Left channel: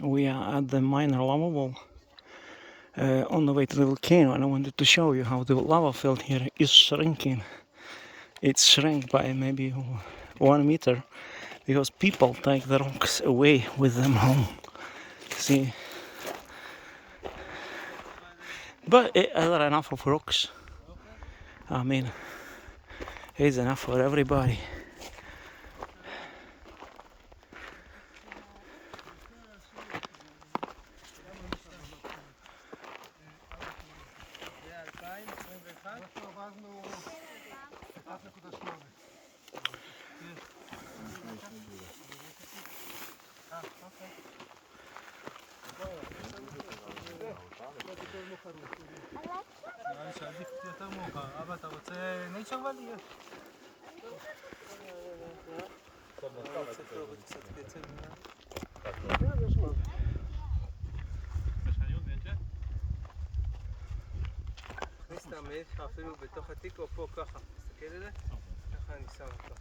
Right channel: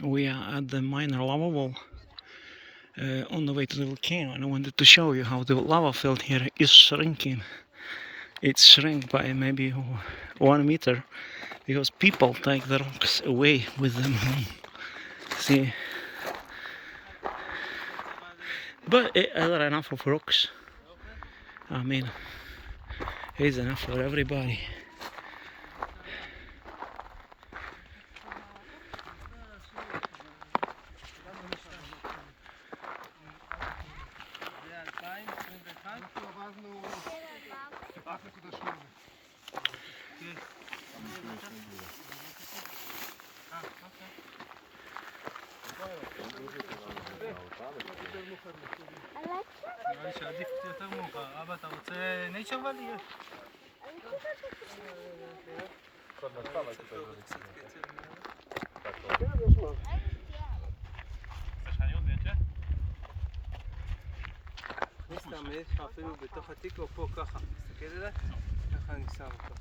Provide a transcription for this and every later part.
We are at the minor lava wall on the way to the volcano, and I wanted to show you how the lava field here is shrinking. It's shrink by maybe 1 meter because people take the rocks away with them home. See, but there are enough of rocks. I mean, it's enough for everybody. שעדיף יותר מאוחר. אבא, אתה רוצה נייצ'ר ואלי? יש. תכניס את המעיל שלך אפילו בתוך התיק או פה ככה. תסתכל עליו, ככה אני שם אותו.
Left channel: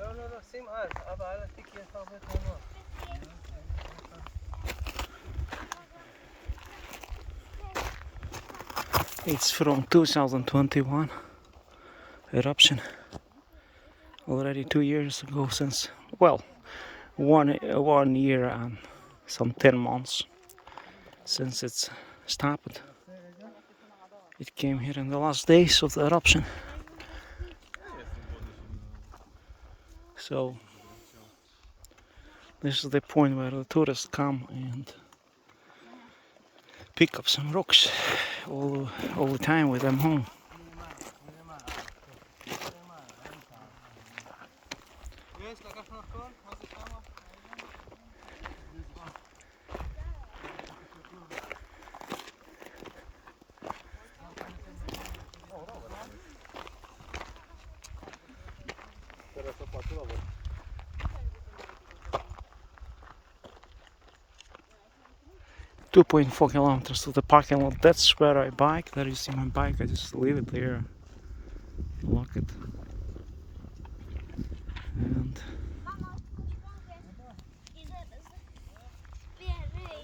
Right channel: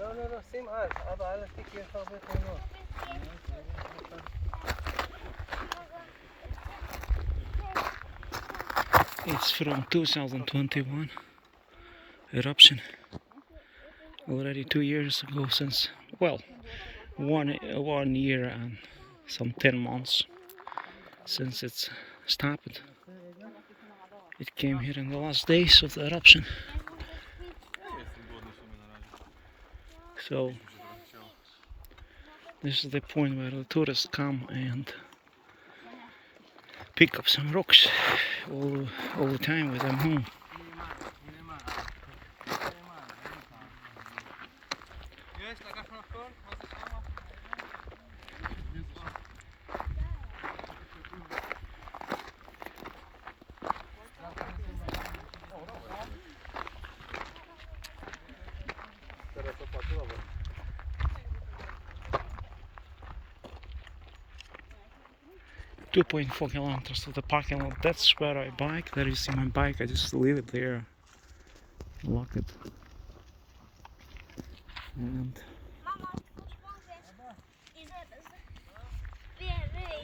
לא, שים על. אבא, על התיק יהיה לך הרבה תמונות. It's from 2021 eruption. Already 2 years ago since, well, one year and some 10 months since it's stopped. It came here in the last days of the eruption. So this is the point where the tourists come and pick up some rocks all the time with them home. Two 2.4 kilometers to the parking lot. That's where I bike. There you see my bike. I just leave it there, lock it, and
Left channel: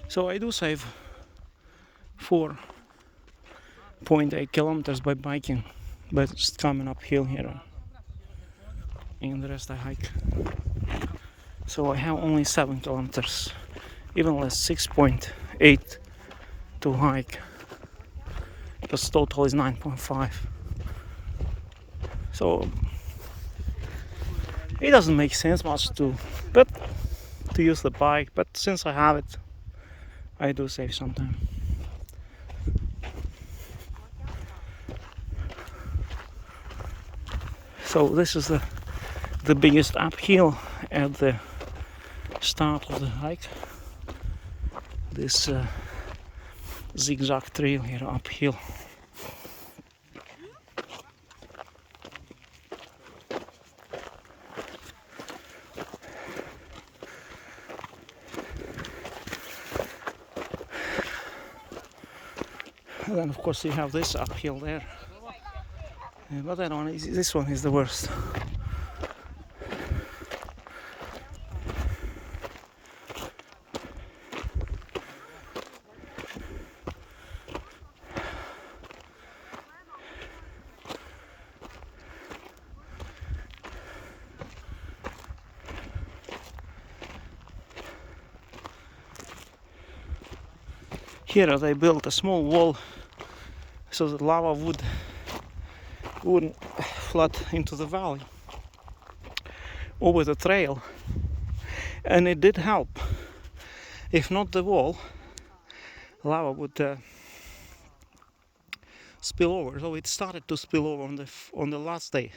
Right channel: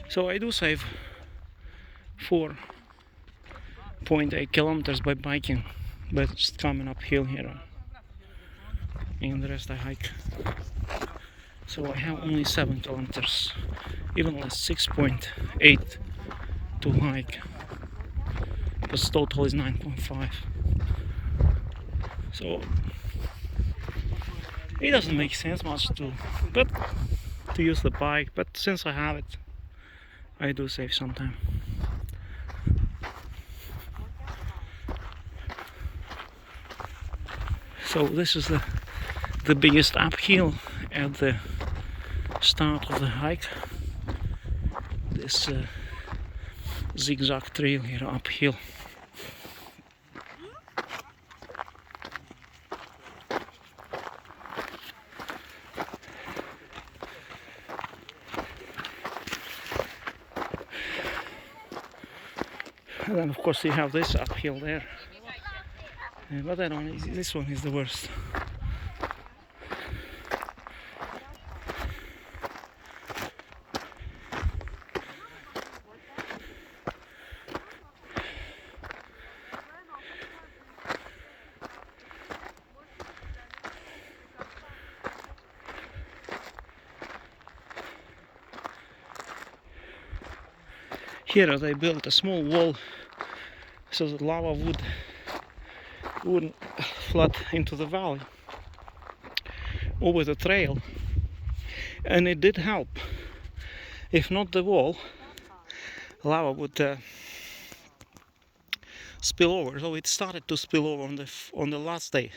so I do save 4.8 kilometers by biking, but just coming uphill here, and the rest I hike. So I have only 7 kilometers, even less, 6.8 to hike, but total is 9.5. So it doesn't make sense much to use the bike, but since I have it, I do save some time. So this is the biggest uphill at the start of the hike. This zigzag trail here uphill. And then of course you have this uphill there, but I don't. This one is the worst. Here they built a small wall so the lava wouldn't flood into the valley over the trail, and it did help. If not the wall, lava would spill over. So it started to spill over on the last day.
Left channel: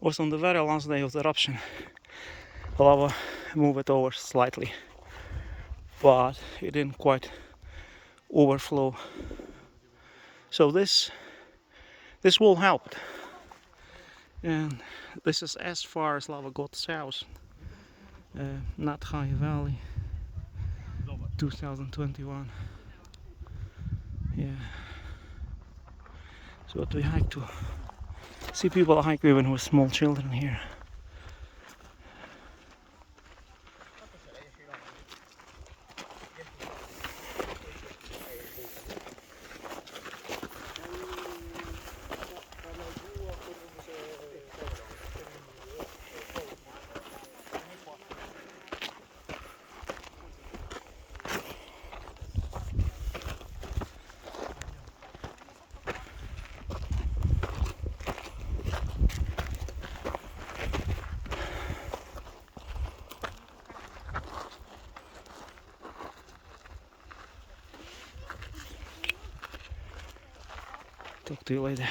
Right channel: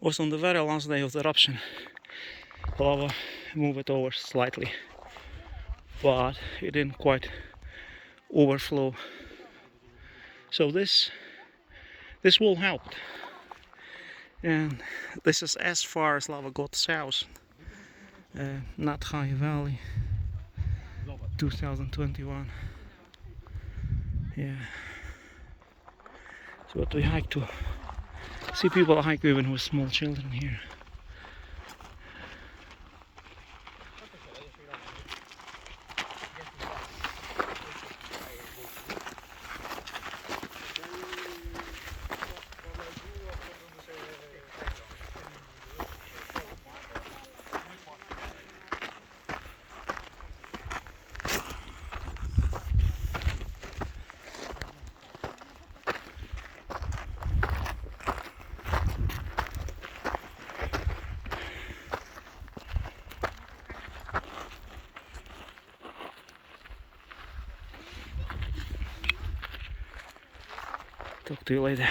Was on the very last day of the eruption. The lava moved over slightly, but it didn't quite overflow. So this wall helped, and this is as far as lava got south. Not high valley, 2021. Yeah. So what we hike to see people hike even with small children here. Talk to you later.